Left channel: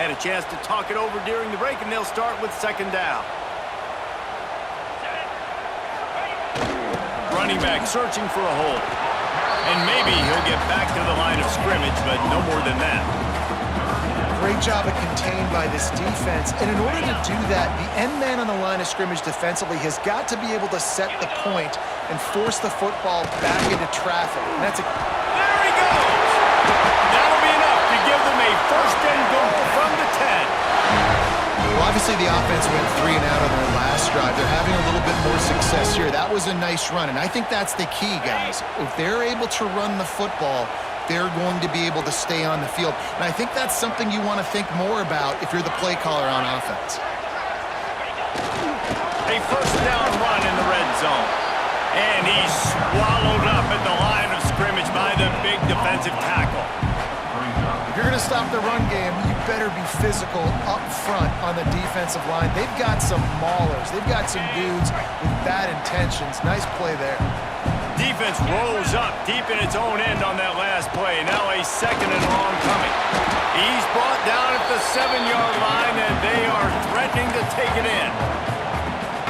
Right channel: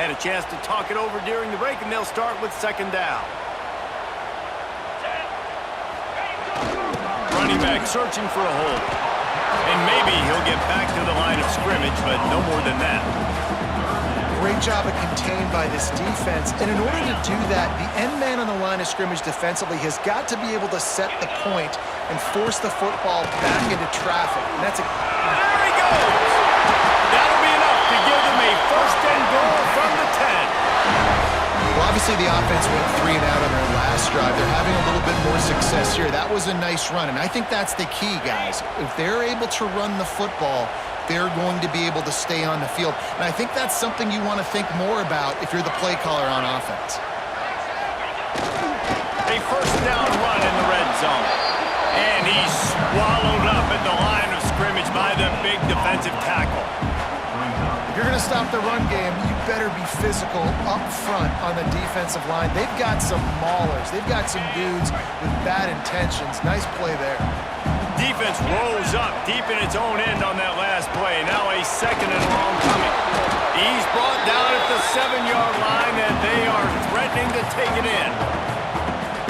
Had a chance to talk it over during the break, and they'll start with second down. Running back searching for a hole. And maybe he'll get back to the line of scrimmage, but no more than that. Great job of contained by this defense. And in order to do that, the end man on the line of scrimmage defensively has got to be able to set the point and force the football back into traffic. And that's a... There he goes! That'll be enough to give them a first and goal from the 10. Well, obviously the offense went 3 and out on their last drive. They're having a little bit more success here. That was a nice run, and I think that's the key, guys. If they're able to run the football, they're going to be able to stay on the field. And I think that's something you want to think more about if you're the play caller on offense. A first down run in the red zone. And he's swallowed up at the line of scrimmage by the big defensive tackle. If you're going to stop the run game, you better be physical up front on the defensive line. They've got some maulers. They've got some dudes with bad intentions. Nice play there. Defense rose up deep in its own end on that last play. Now a second and long coming. He's brought down at the 7-yard line, and they are threatening to take it in.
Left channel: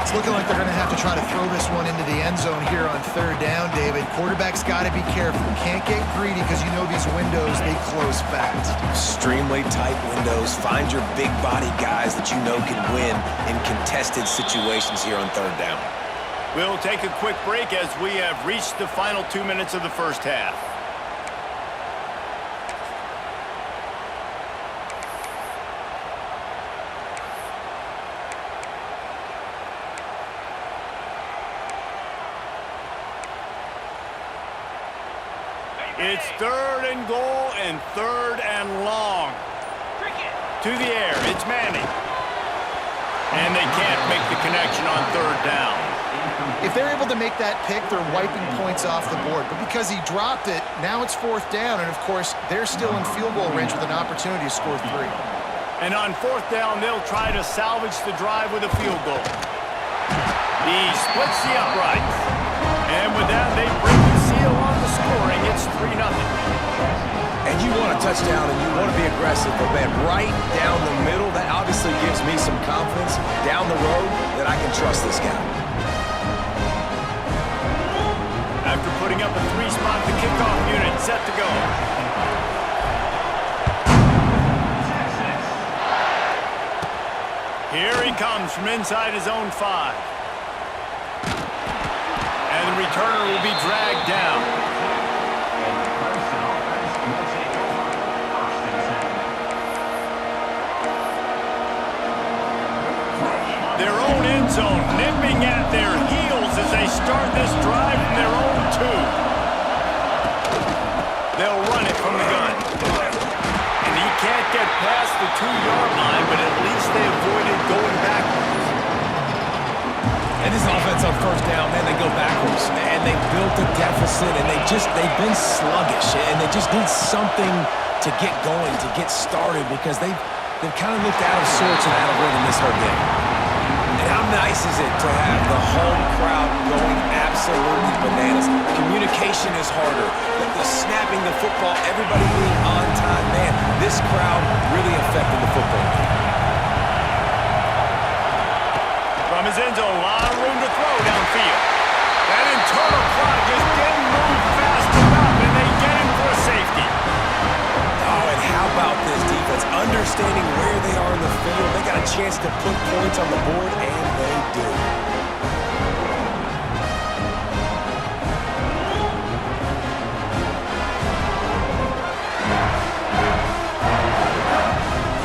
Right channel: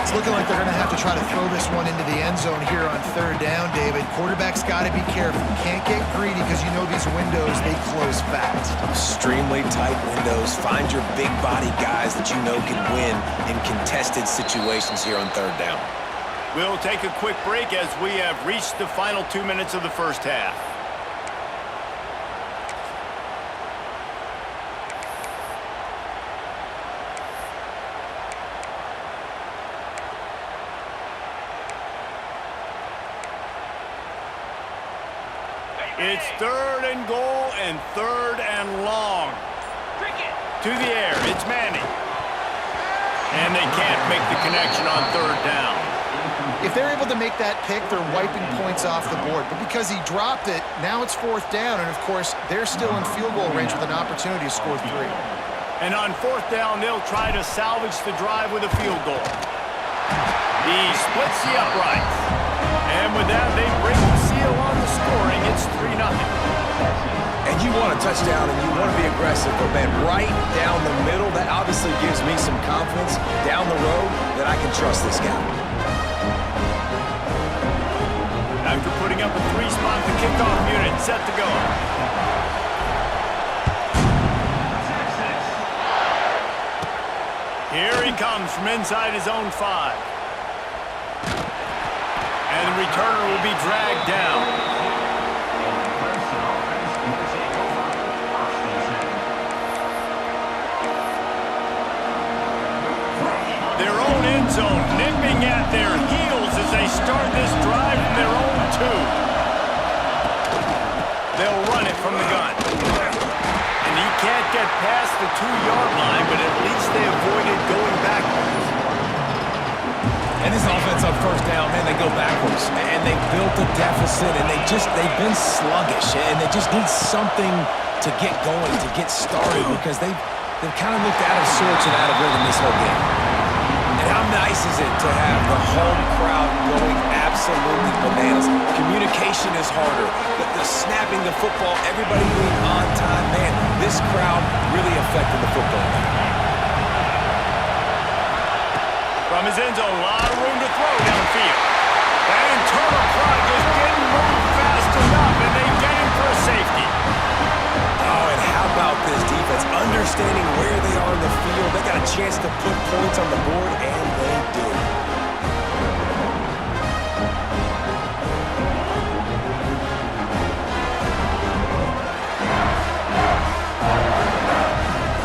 It's looking like they're going to have to try to throw this one into the end zone here on third down, David. Quarterback's got to be careful. Can't get greedy because you know these windows, they close fast. Extremely tight windows. Find your big body guys that you know can win in contested situations here on third down. We'll take a quick break as we have reached the final 2 minutes of the first half. It's third and goal and third and long. To the air, it's Manning. And they can't make the connection on third down. If they're able to make that pick, they're wiping points off the board. But because he dropped it, now it's fourth down. And, of course, they're still in field goal range with an opportunity to score 3. And on fourth down, they'll try to salvage the drive with a field goal. He splits the uprights. And with that, they break the seal on the scoring. It's 3-0. And you want a touchdown and you want to be aggressive, but man, right down the middle, that obviously gives me some confidence down the road that I can trust this guy. After putting up a 3-spot, the kickoff unit set to go. Here he comes from inside his own 5. And the returner will be dragged down. Their own end zone nipping at their heels as they start this drive from their own 2. They'll run it from the gun. And he can't get past the 2-yard line, but at least they avoided going backwards. And this offense on first down, man, they go backwards. And they built a deficit, and they've been sluggish. And they just need something to get going, to get started, because they've kind of looked out of sorts and out of rhythm this whole game. And how nice is it to have the home crowd going absolutely bananas? Communication is harder. The snapping the football, everybody being on time. Man, this crowd really affected the football game. From his end zone, a lot of room to throw downfield. That internal clock just didn't move fast enough, and they get him for a safety. Oh, and how about this defense? Understanding where they are in the field. They got a chance to put points on the board, and they do.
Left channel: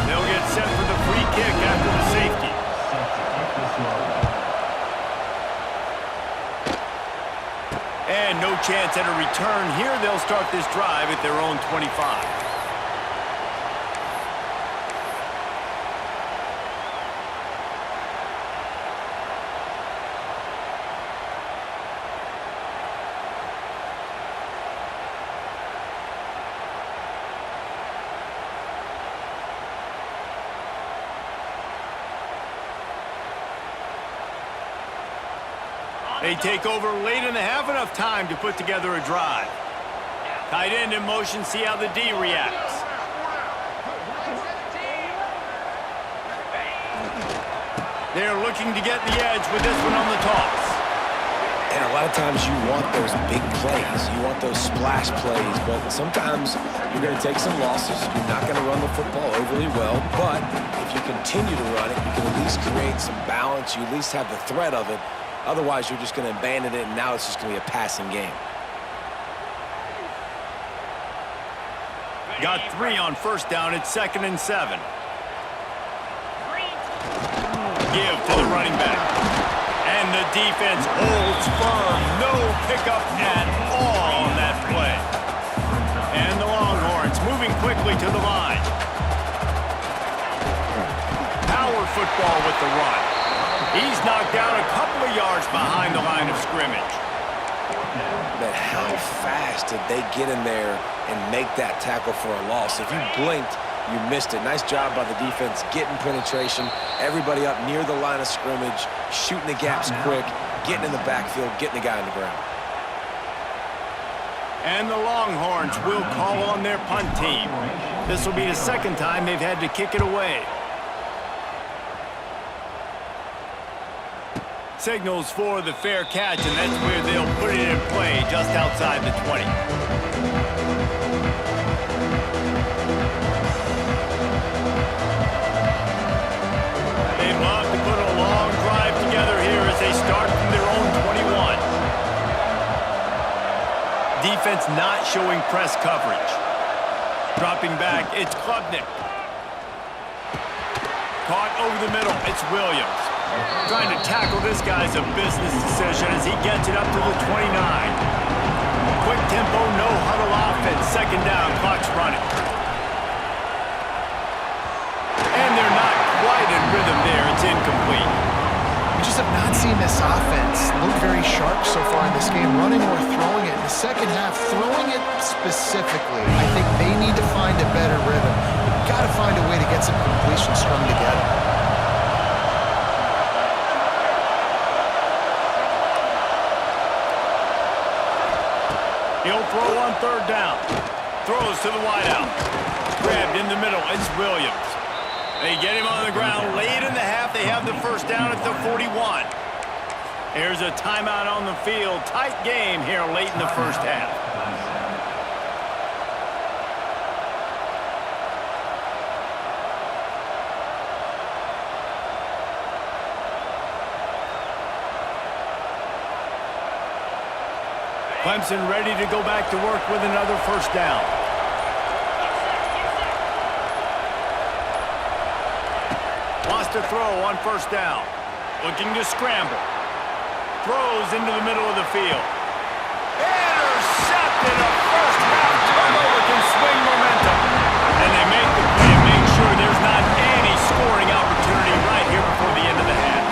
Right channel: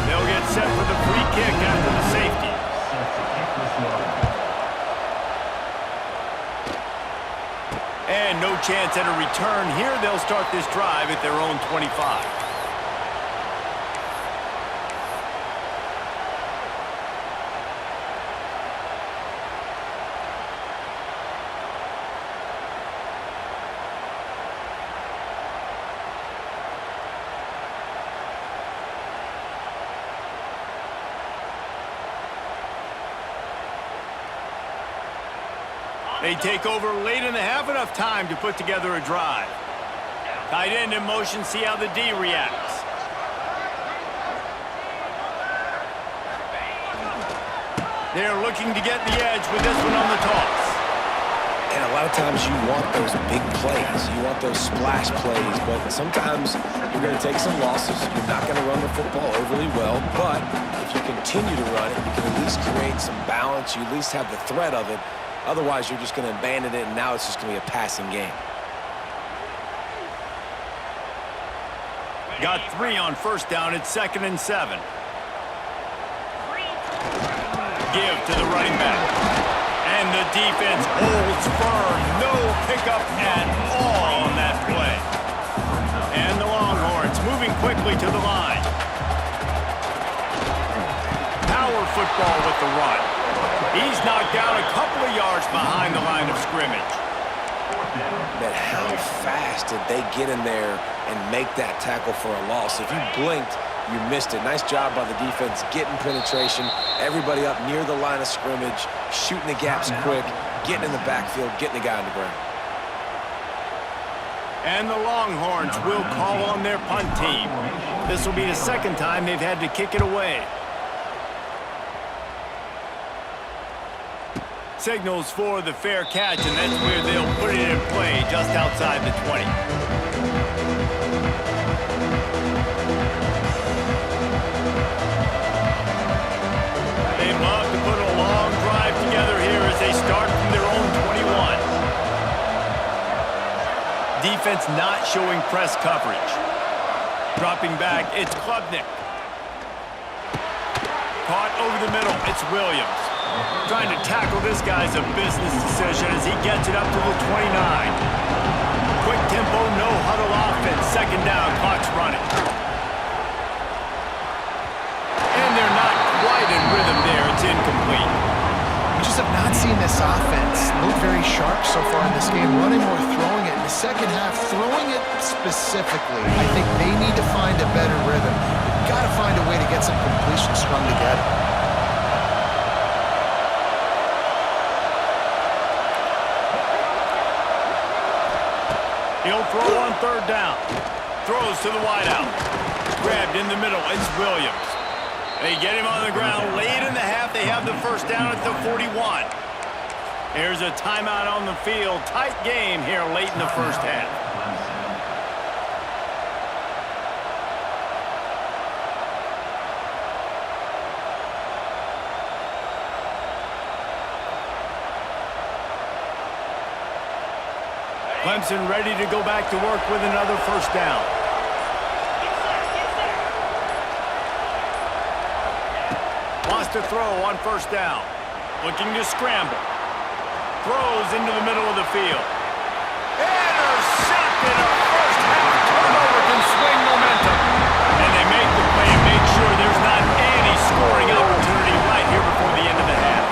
They'll get set for the free kick after the safety. And no chance at a return here. They'll start this drive at their own 25. They take over late in the half, enough time to put together a drive. Tight end in motion, see how the D reacts. They're looking to get the edge with this one on the toss. And a lot of times you want those big plays. You want those splash plays. But sometimes you're going to take some losses. You're not going to run the football overly well. But if you continue to run it, you can at least create some balance. You at least have the threat of it. Otherwise, you're just going to abandon it, and now it's just going to be a passing game. Got 3 on first down. It's 2nd and 7. Give to the running back. And the defense holds firm. No pickup at all on that play. And the Longhorns moving quickly to the line. Power football with the run. He's knocked down a couple of yards behind the line of scrimmage. But how fast did they get in there and make that tackle for a loss? If you blinked, you missed it. Nice job by the defense getting penetration. Everybody up near the line of scrimmage, shooting the gaps quick, getting in the backfield, getting the guy on the ground. And the Longhorns will call on their punt team. This will be the second time they've had to kick it away. Signals for the fair catch, and that's where they'll put it in play just outside the 20. They'd love to put a long drive together here as they start from their own 21. Defense not showing press coverage. Dropping back, it's Klubnik. Caught over the middle, it's Williams. Trying to tackle this guy's a business decision as he gets it up to the 29. Quick tempo, no huddle offense. 2nd down, clock's running. And they're not quite in rhythm there. It's incomplete. We just have not seen this offense look very sharp so far in this game, running or throwing it. In the second half, throwing it specifically, I think they need to find a better rhythm. You've got to find a way to get some completions strung together. He'll throw on 3rd down. Throws to the wideout. Grabbed in the middle. It's Williams. They get him on the ground. Late in the half, they have the 1st down at the 41. Here's a timeout on the field. Tight game here late in the first half. Clemson ready to go back to work with another 1st down. Wants to throw on 1st down. Looking to scramble. Throws into the middle of the field. Intercepted. A first half turnover can swing momentum. And they make the play and make sure there's not any scoring opportunity right here before the end of the half.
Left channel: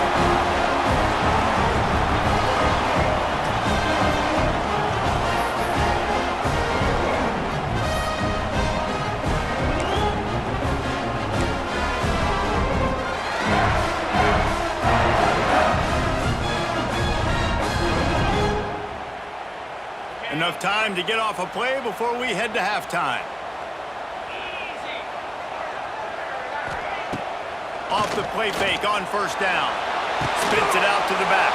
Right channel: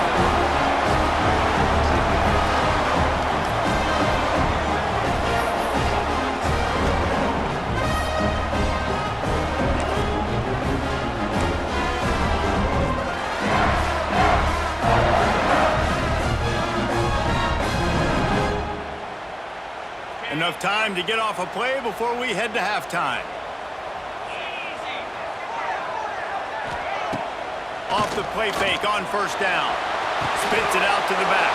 Enough time to get off a play before we head to halftime. Off the play fake on 1st down. Spits it out to the back.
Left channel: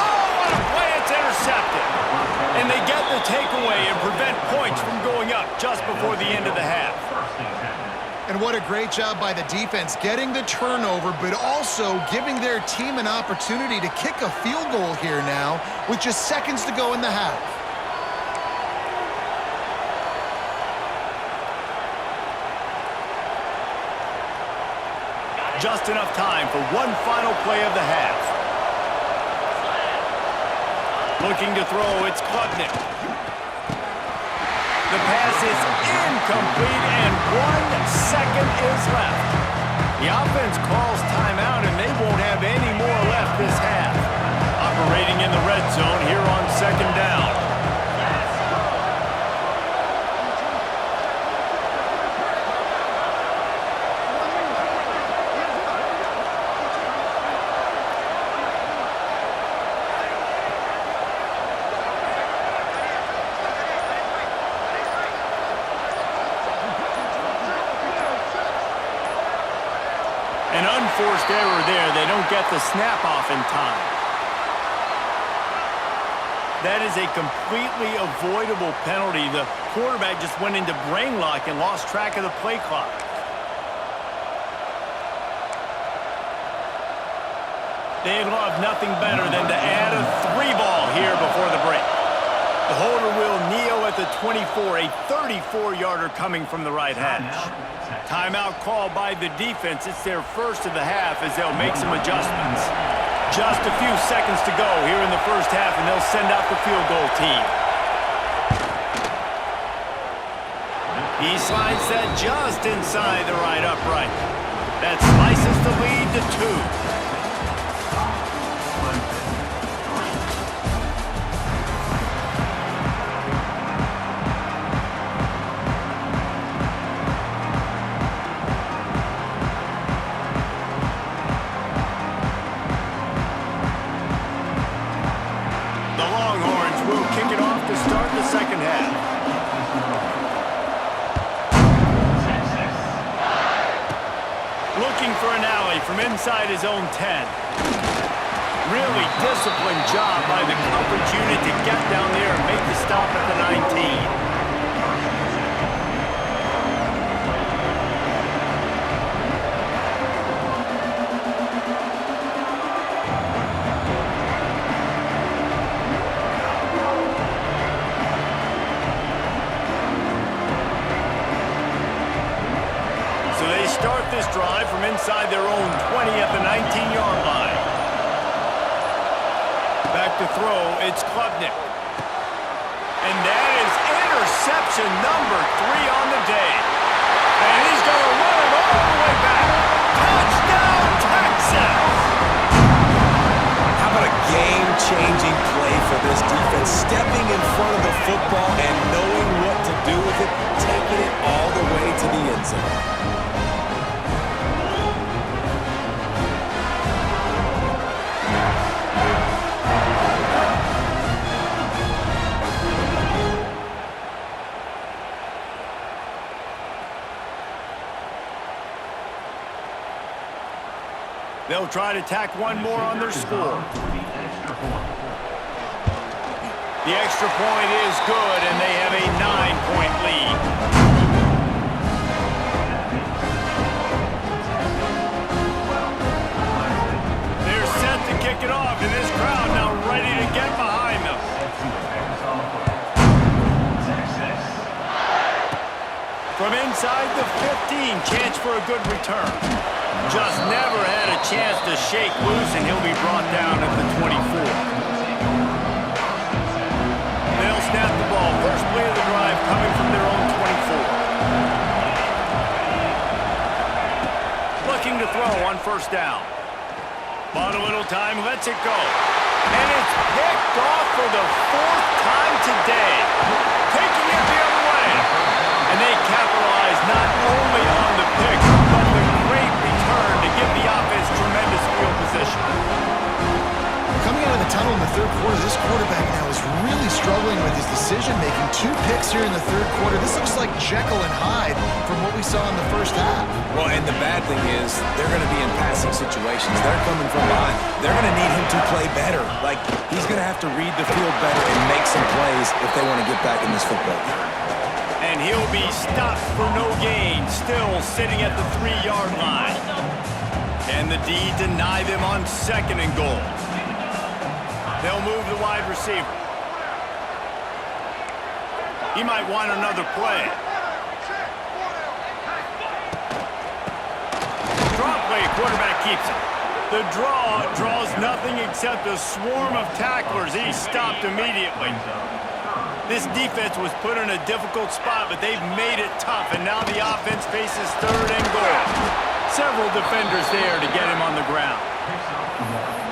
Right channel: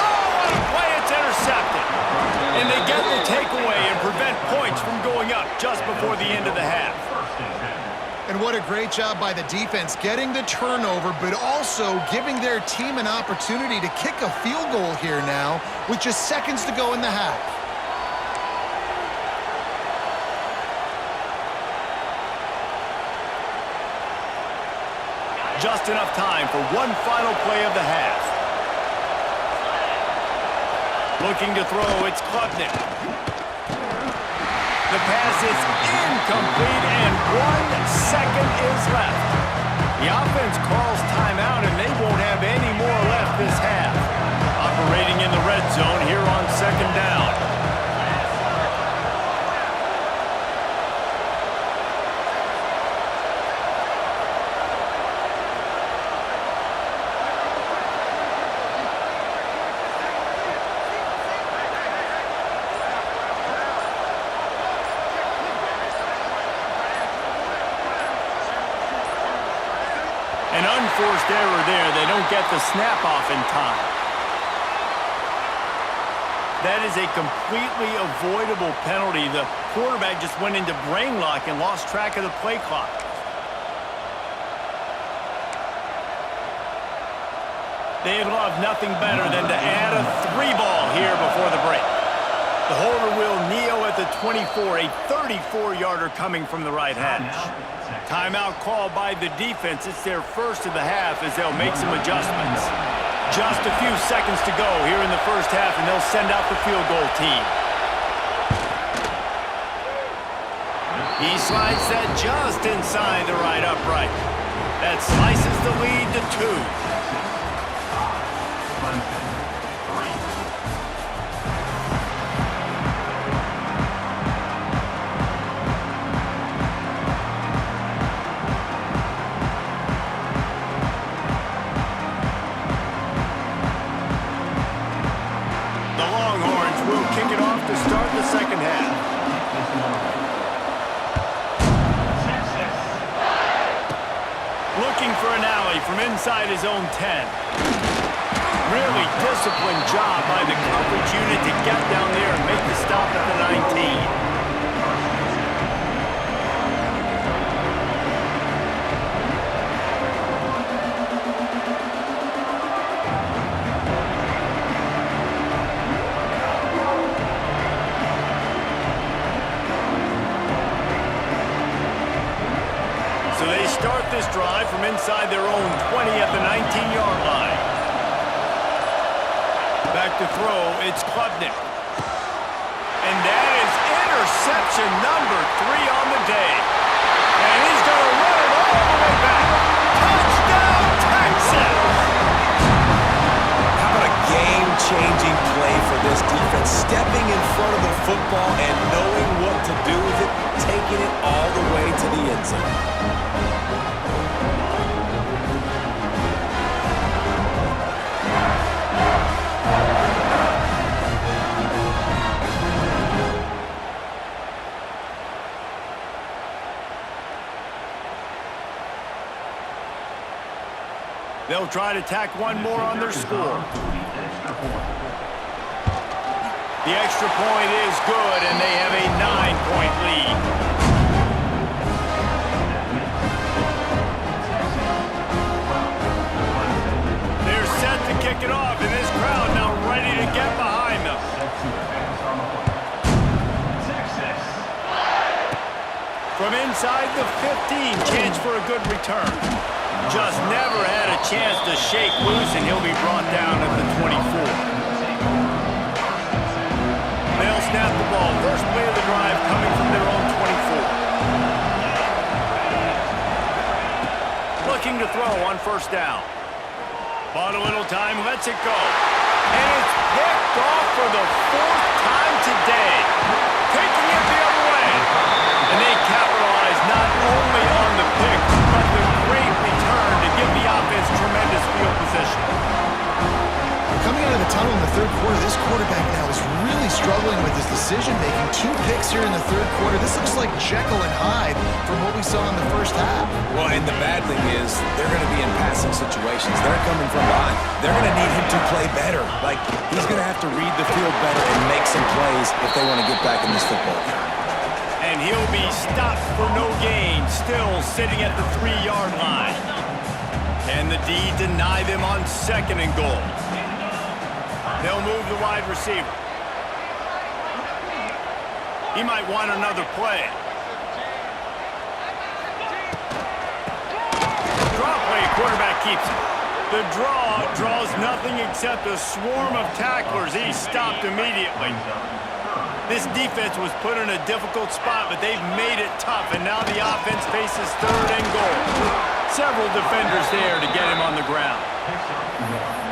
Oh, what a play. It's intercepted. And they get the takeaway and prevent points from going up just before the end of the half. And what a great job by the defense getting the turnover, but also giving their team an opportunity to kick a field goal here now with just seconds to go in the half. Just enough time for one final play of the half. Looking to throw, it's Klubnik. The pass is incomplete, and 1 second is left. The offense calls timeout, and they won't have any more left this half. Operating in the red zone here on 2nd down. An unforced error there. They don't get the snap off in time. That is a completely avoidable penalty. The quarterback just went into brain lock and lost track of the play clock. They'd love nothing better than to add a 3-ball here before the break. The holder will kneel at the 24, a 34-yarder coming from the right hash. Timeout called by the defense. It's their first of the half as they'll make some adjustments. Just a few seconds to go here in the first half, and they'll send out the field goal team. He slides that just inside the right upright. That slices the lead to 2. Second half. Looking for an alley from inside his own 10. Really disciplined job by the coverage unit to get down there and make the stop at the 19. Start this drive from inside their own 20 at the 19-yard line. Back to throw, it's Klubnik. And that is interception number 3 on the day. And he's going to run it all the way back. Touchdown, Texas! How about a game-changing play for this defense? Stepping in front of the football and knowing what to do with it, taking it all the way to the end zone. They'll try to tack one more on their score. The extra point is good, and they have a 9-point lead. They're set to kick it off, and this crowd now ready to get behind them. From inside the 15, chance for a good return. Just never had a chance to shake loose, and he'll be brought down at the 24. They'll snap the ball. First play of the drive coming from their own 24. Looking to throw on first down. Bought a little time, lets it go. And it's picked off for the 4th time today. Taking it the other way. And they capitalize not only on the pick, but the great return to give the offense tremendous field position. Coming out of the tunnel in the third quarter, this quarterback now is really struggling with his decision-making. 2 picks here in the third quarter. This looks like Jekyll and Hyde from what we saw in the first half. Well, and the bad thing is they're going to be in passing situations. They're coming from behind. They're going to need him to play better. Like, he's going to have to read the field better and make some plays if they want to get back in this football game. And he'll be stopped for no gain, still sitting at the 3-yard line. Can the D deny them on 2nd and goal? They'll move the wide receiver. He might want another play. Draw play, quarterback keeps it. The draw draws nothing except a swarm of tacklers. He's stopped immediately. This defense was put in a difficult spot, but they've made it tough, and now the offense faces 3rd and goal. Several defenders there to get him on the ground.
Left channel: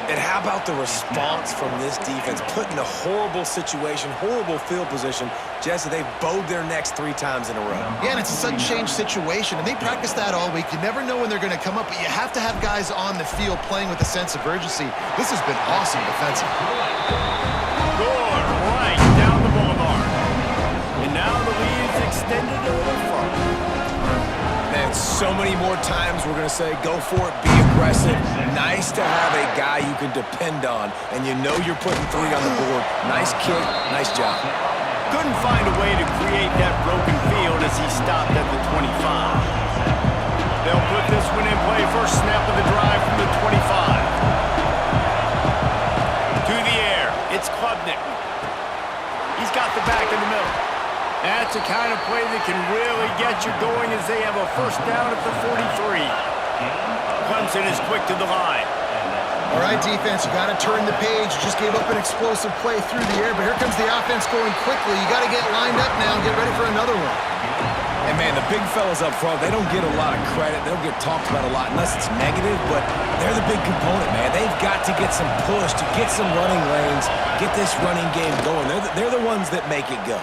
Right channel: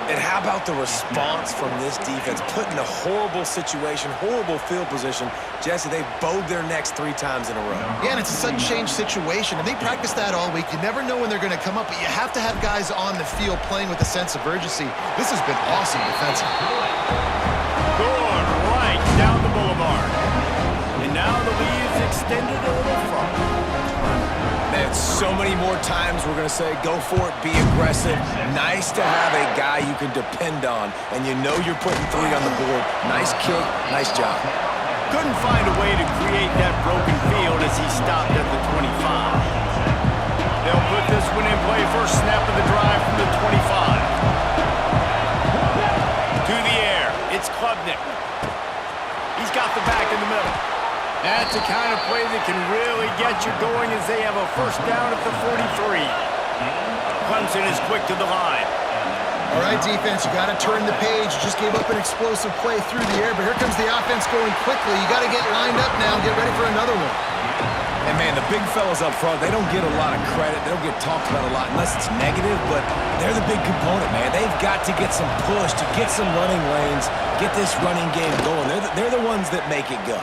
And how about the response from this defense? Put in a horrible situation, horrible field position. Jesse, they've bowed their necks 3 times in a row. Yeah, and it's a sudden change situation, and they practice that all week. You never know when they're going to come up, but you have to have guys on the field playing with a sense of urgency. This has been awesome defensively. Good, right down the boulevard. And now the lead is extended a little further. Man, so many more times we're going to say, go for it, be aggressive. Nice to have a guy you can depend on, and you know you're putting 3 on the board. Nice kick, nice job. Couldn't find a way to create that broken field as he stopped at the 25. They'll put this one in play. First snap of the drive from the 25. To the air, it's Klubnik. He's got the back in the middle. That's the kind of play that can really get you going as they have a first down at the 43. Clemson is quick to the line. All right, defense, you got to turn the page. You just gave up an explosive play through the air, but here comes the offense going quickly. You got to get lined up now and get ready for another one. And, man, the big fellas up front, they don't get a lot of credit. They don't get talked about a lot unless it's negative, but they're the big component, man. They've got to get some push, to get some running lanes, get this running game going. They're the ones that make it go.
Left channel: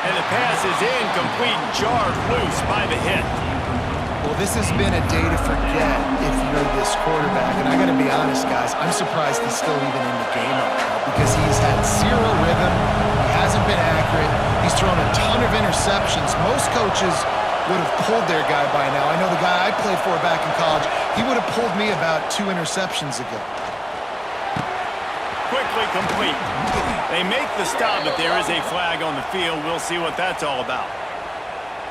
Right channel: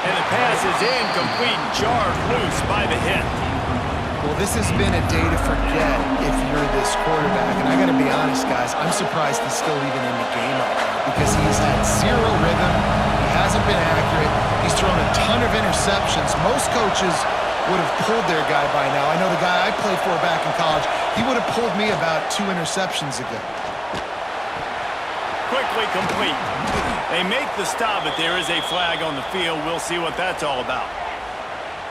And the pass is incomplete, jarred loose by the hit. Well, this has been a day to forget if you're this quarterback. And I got to be honest, guys, I'm surprised he's still even in the game right now because he's had 0 rhythm. He hasn't been accurate. He's thrown a ton of interceptions. Most coaches would have pulled their guy by now. I know the guy I played for back in college, he would have pulled me about 2 interceptions ago. Quickly complete. They make the stop, but there is a flag on the field. We'll see what that's all about.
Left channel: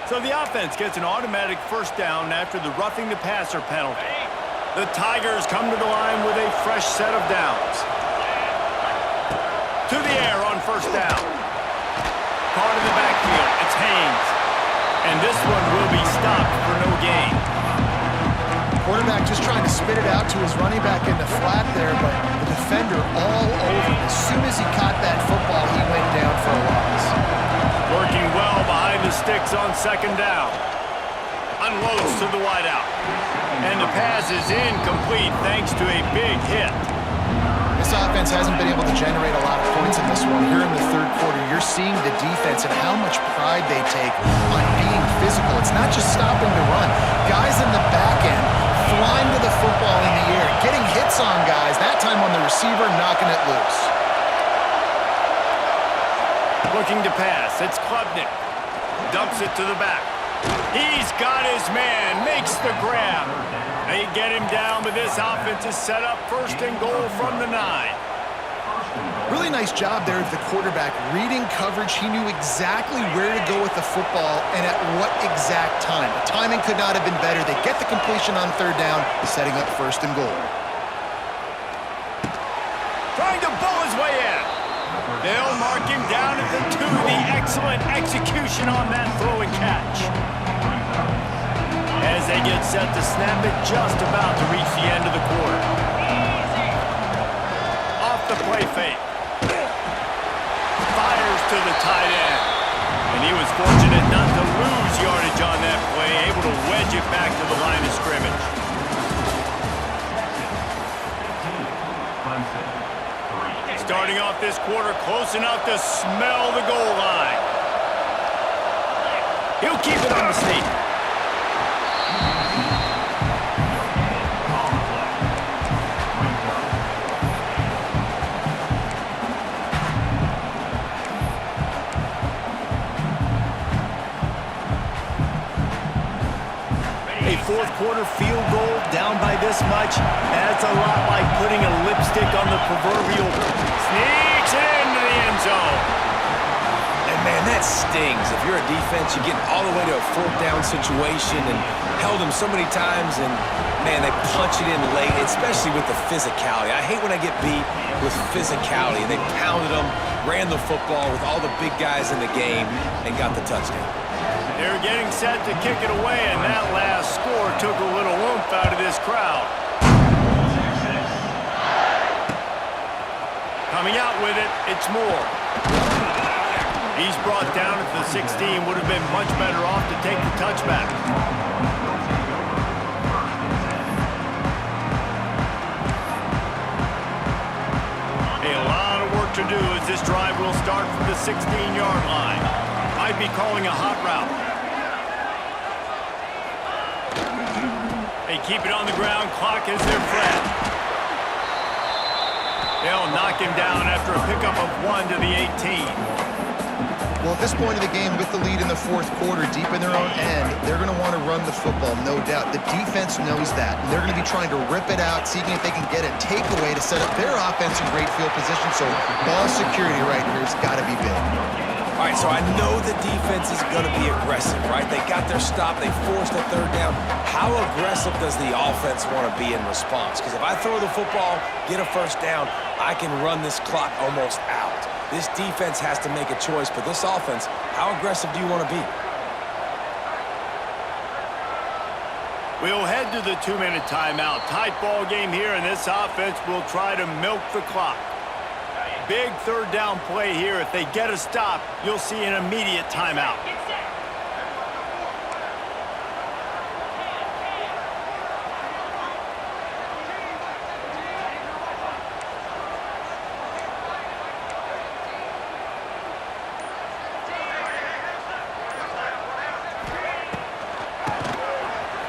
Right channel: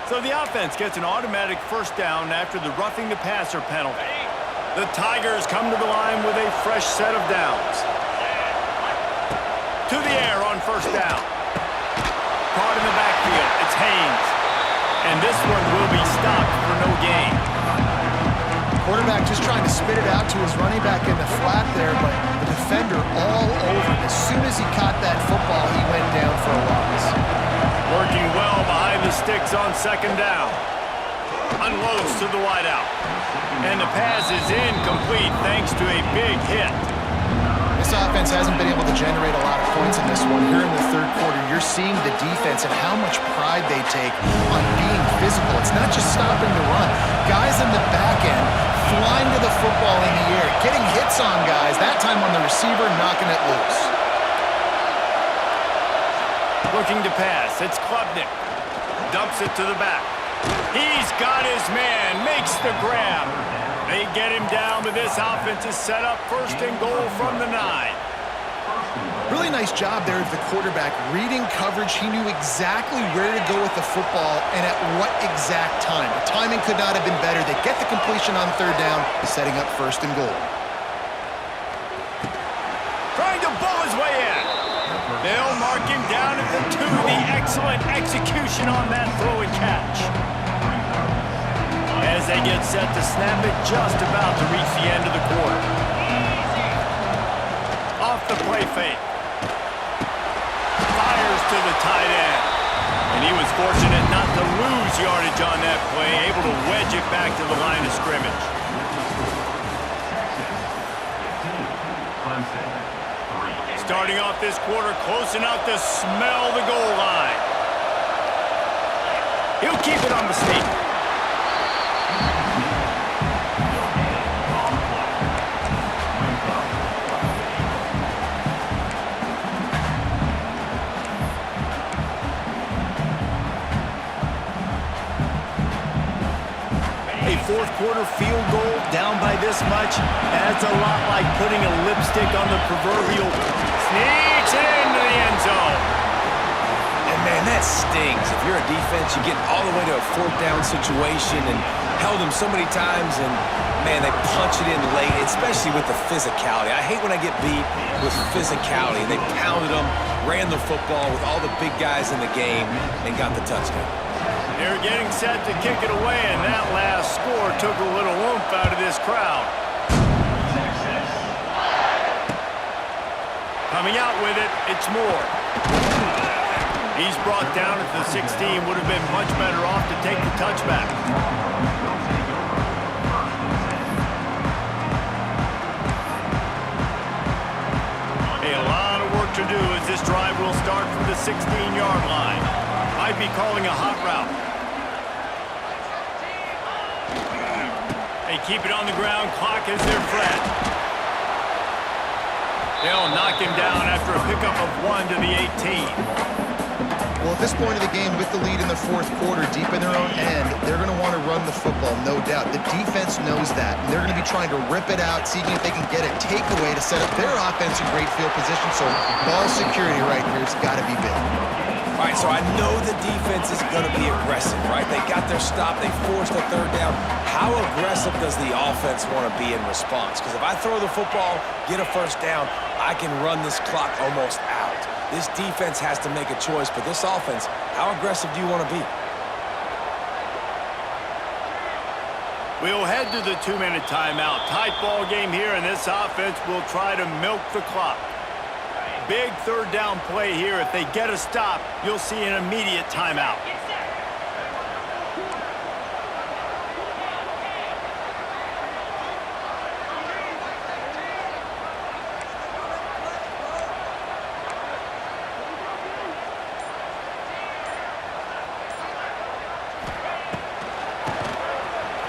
So the offense gets an automatic first down after the roughing the passer penalty. The Tigers come to the line with a fresh set of downs. To the air on first down. Caught in the backfield. It's Haynes. And this one will be stopped for no gain. Quarterback just trying to spit it out to his running back in the flat there, but the defender all over him. As soon as he caught that football, he went down for a loss. Working well behind the sticks on second down. Unloads to the wideout. And the pass is incomplete thanks to a big hit. This offense hasn't been able to generate a lot of points in this one. Here in the third quarter, you're seeing the defense and how much pride they take on being physical. It's not just stopping the run. Guys in the back end flying to the football in the air, getting hits on guys, that time on the receiver, knocking it loose. Looking to pass, it's Klubnik. Dumps it to the back. He's got his man, makes the grab. They get him down, but this offense is set up first and goal from the 9. Really nice job there of the quarterback. Reading coverage, he knew exactly where to go with the football and at what exact time. The timing could not have been better. They get the completion on third down, setting up first and goal. Trying to bull his way in. They'll mark him down at the 2. The excellent execution on that throw and catch. As they get set to snap it, just about to reach the end of the quarter. Off the play fake. Fires to the tight end. And he was fortunate not to lose yardage on that play, able to wedge it back to the line of scrimmage. Starting off this quarter close enough to smell the goal line. He'll keep it on the sneak. A fourth quarter field goal down by this much, that's a lot like putting a lipstick on the proverbial. Sneaks it into the end zone. And, man, that stings. If you're a defense, you get all the way to a fourth down situation and held them so many times, and, man, they punch it in late, especially with the physicality. I hate when I get beat with physicality. They pounded them, ran the football with all the big guys in the game, and got the touchdown. They're getting set to kick it away, and that last score took a little oomph out of this crowd. Coming out with it, it's Moore. He's brought down at the 16. Would have been much better off to take the touchback. A lot of work to do as this drive will start from the 16-yard line. Might be calling a hot route. They keep it on the ground. Clock is their friend. They'll knock him down after a pickup of 1 to the 18. Well, at this point of the game, with the lead in the fourth quarter, deep in their own end, they're going to want to run the football, no doubt. The defense knows that, and they're going to be trying to rip it out, seeing if they can get a takeaway to set up their offense in great field position. So ball security right here has got to be big. All right, so I know the defense is going to be aggressive, right? They got their stop. They forced a third down. How aggressive does the offense want to be in response? Because if I throw the football, get a first down, I can run this clock almost out. This defense has to make a choice, but this offense, how aggressive do you want to be? We'll head to the 2-minute timeout. Tight ball game here, and this offense will try to milk the clock. Big third down play here. If they get a stop, you'll see an immediate timeout.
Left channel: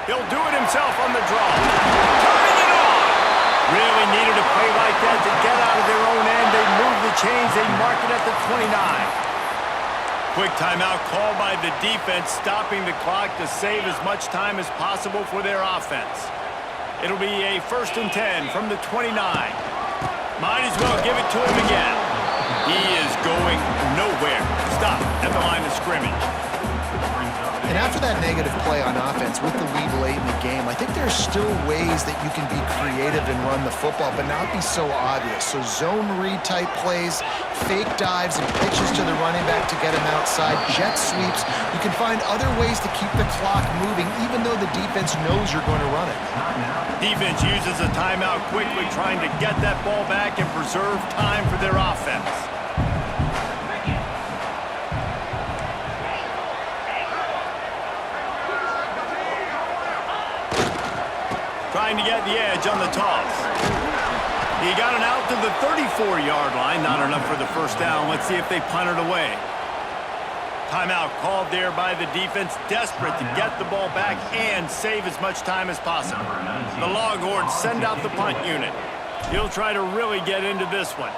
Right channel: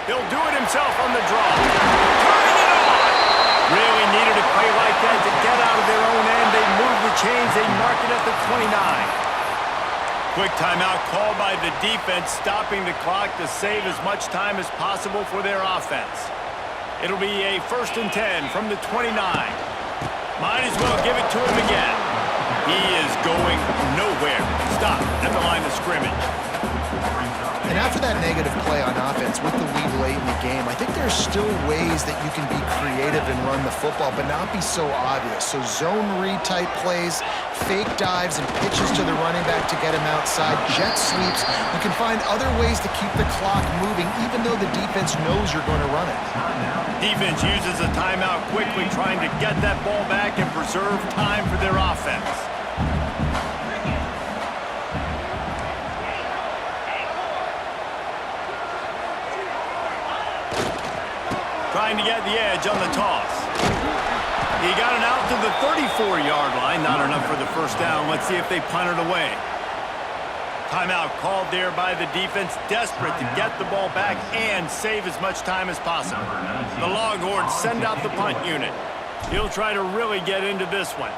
He'll do it himself on the draw. Turning it on! Really needed a play like that to get out of their own end. They move the chains. They mark it at the 29. Quick timeout called by the defense, stopping the clock to save as much time as possible for their offense. It'll be a 1st and 10 from the 29. Might as well give it to him again. He is going nowhere. Stop at the line of scrimmage. And after that negative play on offense with the lead late in the game, I think there's still ways that you can be creative and run the football, but not be so obvious. So zone read type plays, fake dives and pitches to the running back to get him outside, jet sweeps. You can find other ways to keep the clock moving, even though the defense knows you're going to run it. Defense uses a timeout quickly, trying to get that ball back and preserve time for their offense. Trying to get the edge on the toss. He got it out to the 34-yard line. Not enough for the first down. Let's see if they punt it away. Timeout called there by the defense, desperate to get the ball back and save as much time as possible. The Longhorns send out the punt unit. He'll try to really get into this one.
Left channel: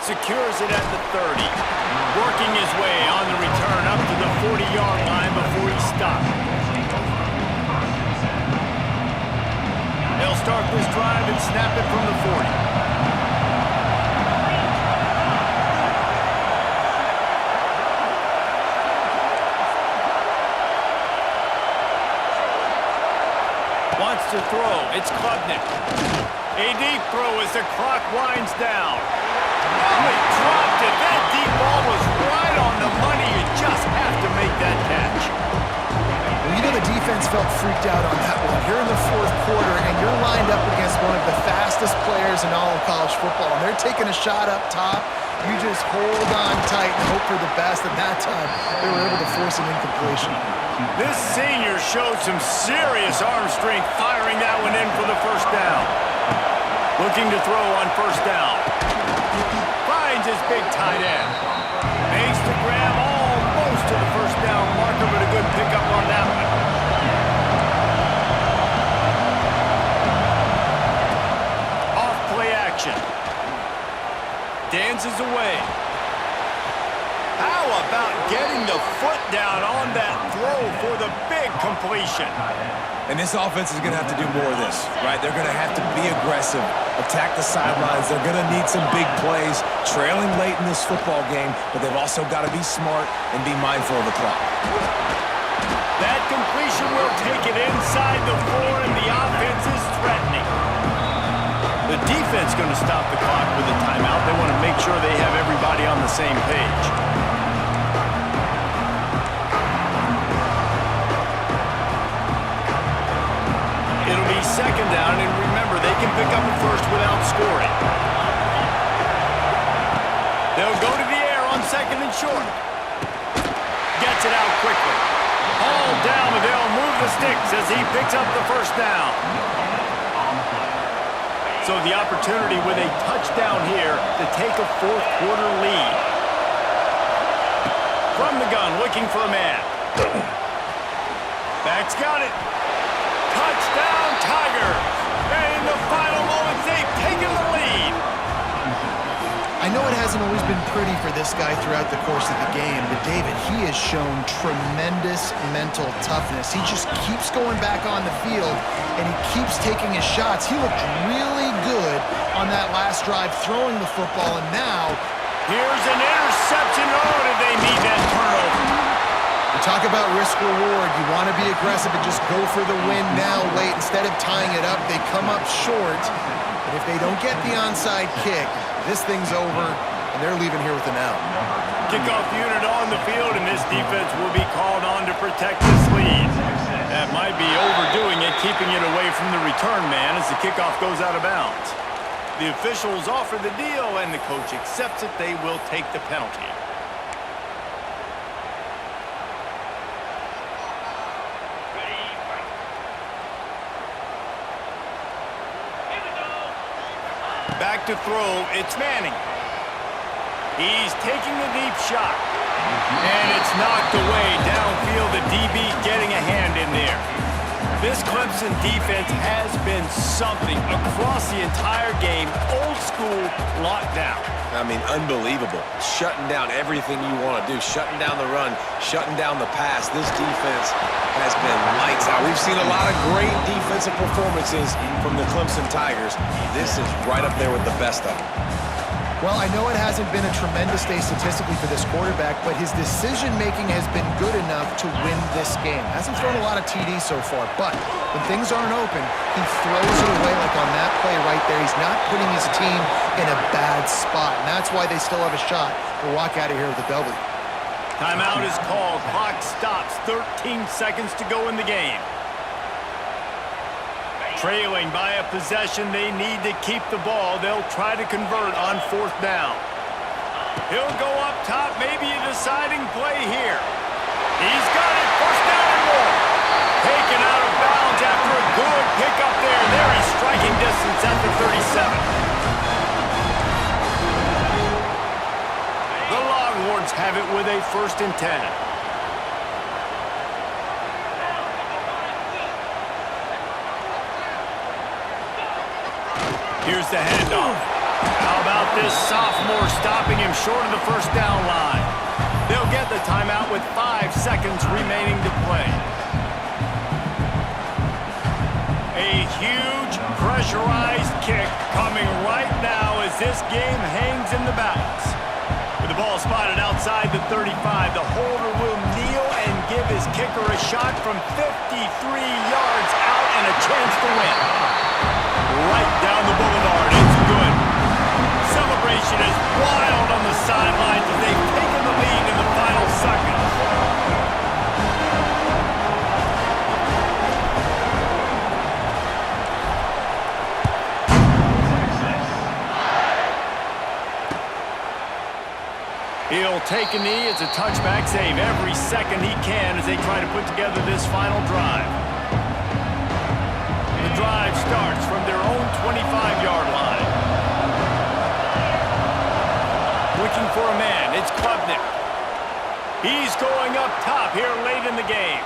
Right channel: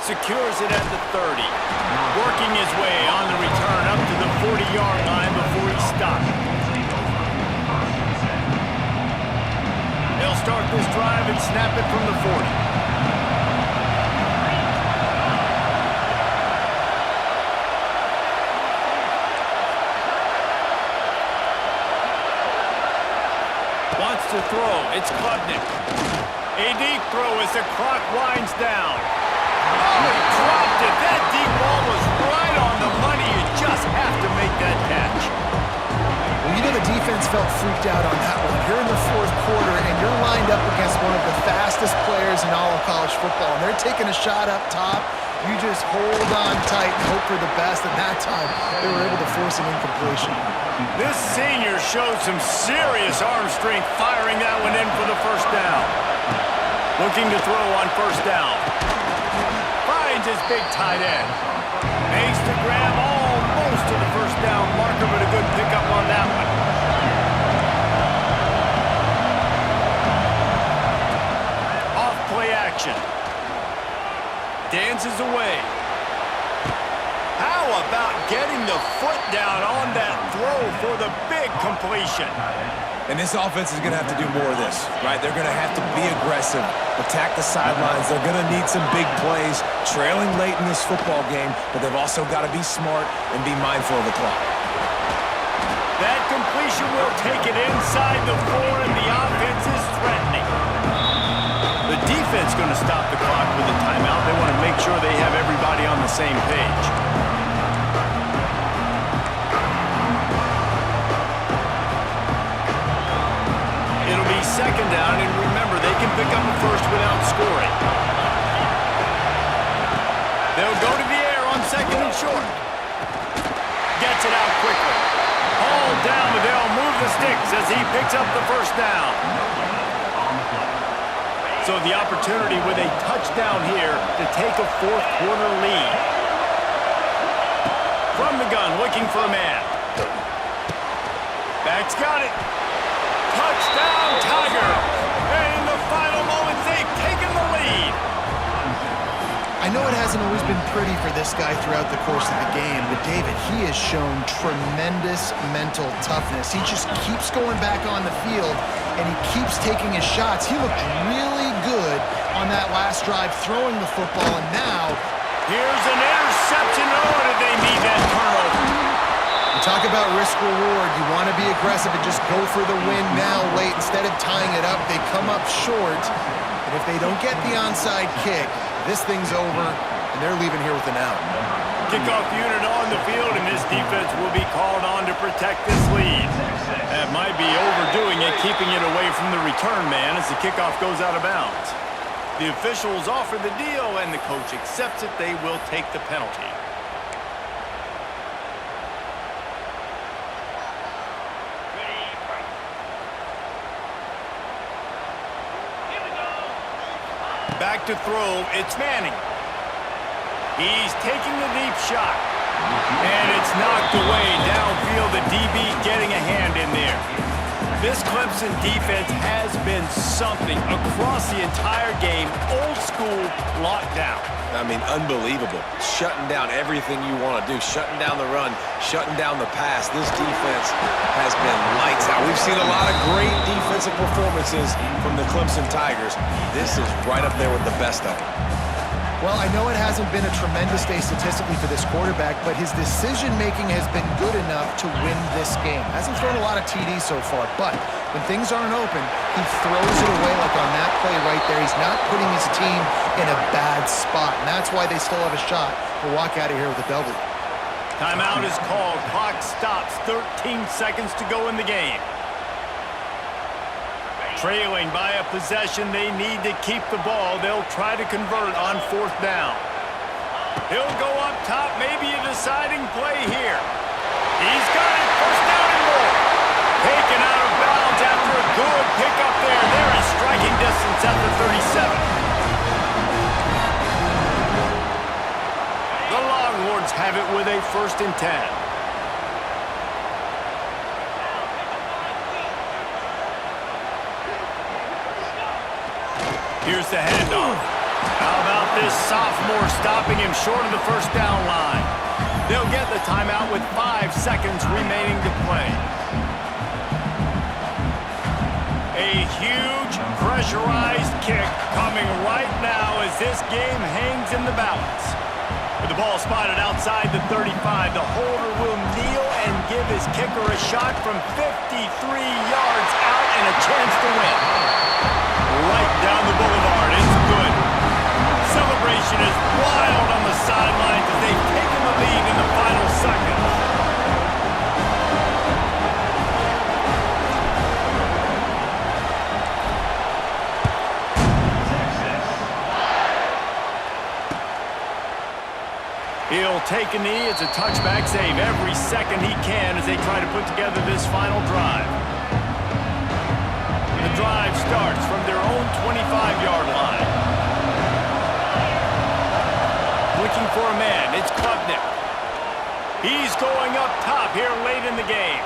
Secures it at the 30. Working his way on the return up to the 40-yard line before he stopped. They'll start this drive and snap it from the 40. Wants to throw. It's Klubnik. A deep throw as the clock winds down. Oh, he dropped it. That deep ball was right on the money. You just have to make that catch. Well, you know the defense felt freaked out on that one. You're in the fourth quarter, and you're lined up against one of the fastest players in all of college football, and they're taking a shot up top. You just hold on tight and hope for the best. At that time, they were able to force an incompletion. This senior showed some serious arm strength firing that one in for the first down. Looking to throw on first down. Finds his big tight end. Makes the grab almost to the first down marker, but a good pickup on that one. Off play action. Dances away. How about getting the foot down on that throw for the big completion? And this offense is going to have to do more of this, right? They're going to have to be aggressive, attack the sidelines. They're going to need some big plays, trailing late in this football game, but they've also got to be smart and be mindful of the clock. That completion will take it inside the 4, and the offense is threatening. The defense going to stop the clock with a timeout. They want to make sure they have everybody on the same page. It'll be second down, and remember, they can pick up a first without scoring. They'll go to the air on second and short. Gets it out quickly. Hauled down, but they'll move the sticks as he picks up the first down. So the opportunity with a touchdown here to take a fourth quarter lead. From the gun, looking for a man. Back's got it. Touchdown, Tigers! And in the final moments, they've taken the lead. I know it hasn't always been pretty for this guy throughout the course of the game, but David, he has shown tremendous mental toughness. He just keeps going back on the field, and he keeps taking his shots. He looked really good on that last drive throwing the football, and now here's an interception. Oh, did they need that turnover? you talk about risk-reward. You want to be aggressive and just go for the win now late. Instead of tying it up, they come up short. And if they don't get the onside kick, this thing's over, and they're leaving here with an out. Kickoff unit on the field, and this defense will be called on to protect this lead. That might be overdoing it, keeping it away from the return man as the kickoff goes out of bounds. The officials offer the deal, and the coach accepts it. They will take the penalty. Back to throw, it's Manning. He's taking the deep shot. And it's knocked away downfield, the DB getting a hand in there. This Clemson defense has been something across the entire game. Old school lockdown. I mean, unbelievable. Shutting down everything you want to do. Shutting down the run, shutting down the pass. This defense has been lights out. We've seen a lot of great defensive performances from the Clemson Tigers. This is right up there with the best of them. Well, I know it hasn't been a tremendous day statistically for this quarterback, but his decision-making has been good enough to win this game. Hasn't thrown a lot of TDs so far, but when things aren't open, he throws it away like on that play right there. He's not putting his team in a bad spot, and that's why they still have a shot to walk out of here with a W. Timeout is called. Clock stops. 13 seconds to go in the game. Trailing by a possession, they need to keep the ball. They'll try to convert on fourth down. He'll go up top, maybe a deciding play here. He's got it, first down and more. Taken out of bounds after a good pickup there. They're in striking distance at the 37. The Longhorns have it with a 1st and 10. Here's the handoff. How about this sophomore stopping him short of the first down line? They'll get the timeout with 5 seconds remaining to play. A huge pressurized kick coming right now as this game hangs in the balance. With the ball spotted outside the 35, the holder will kneel and give his kicker a shot from 53 yards out and a chance to win. Right down the boulevard, it's good. Celebration is wild on the sidelines as they've taken the lead in the final seconds. He'll take a knee. It's a touchback save every second he can as they try to put together this final drive. The drive starts from their own 25-yard line. Looking for a man, it's Klubnik. He's going up top here late in the game.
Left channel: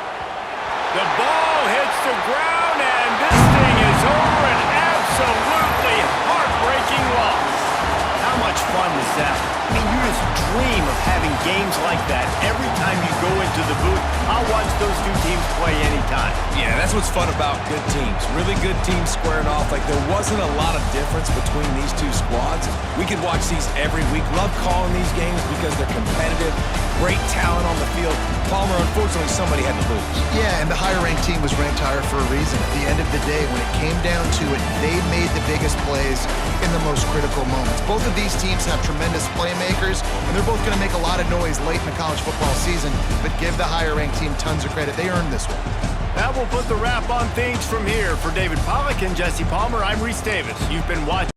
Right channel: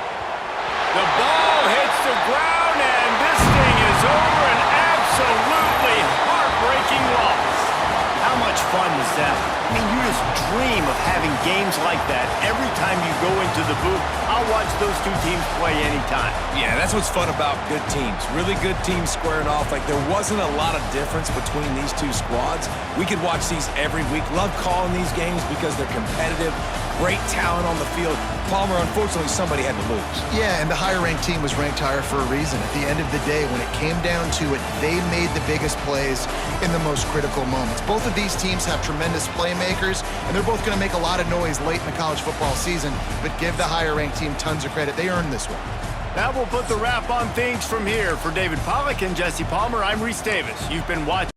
The ball hits the ground, and this thing is over, an absolutely heartbreaking loss. How much fun was that? I mean, you just dream of having games like that every time you go into the booth. I'll watch those two teams play anytime. Yeah, that's what's fun about good teams. Really good teams squaring off. Like, there wasn't a lot of difference between these two squads. We could watch these every week. Love calling these games because they're competitive. Great talent on the field. Palmer, unfortunately, somebody had to lose. Yeah, and the higher-ranked team was ranked higher for a reason. At the end of the day, when it came down to it, they made the biggest plays in the most critical moments. Both of these teams have tremendous playmakers, and they're both going to make a lot of noise late in the college football season, but give the higher-ranked team tons of credit. They earned this one. That will put the wrap on things from here. For David Pollack and Jesse Palmer, I'm Reese Davis. You've been watching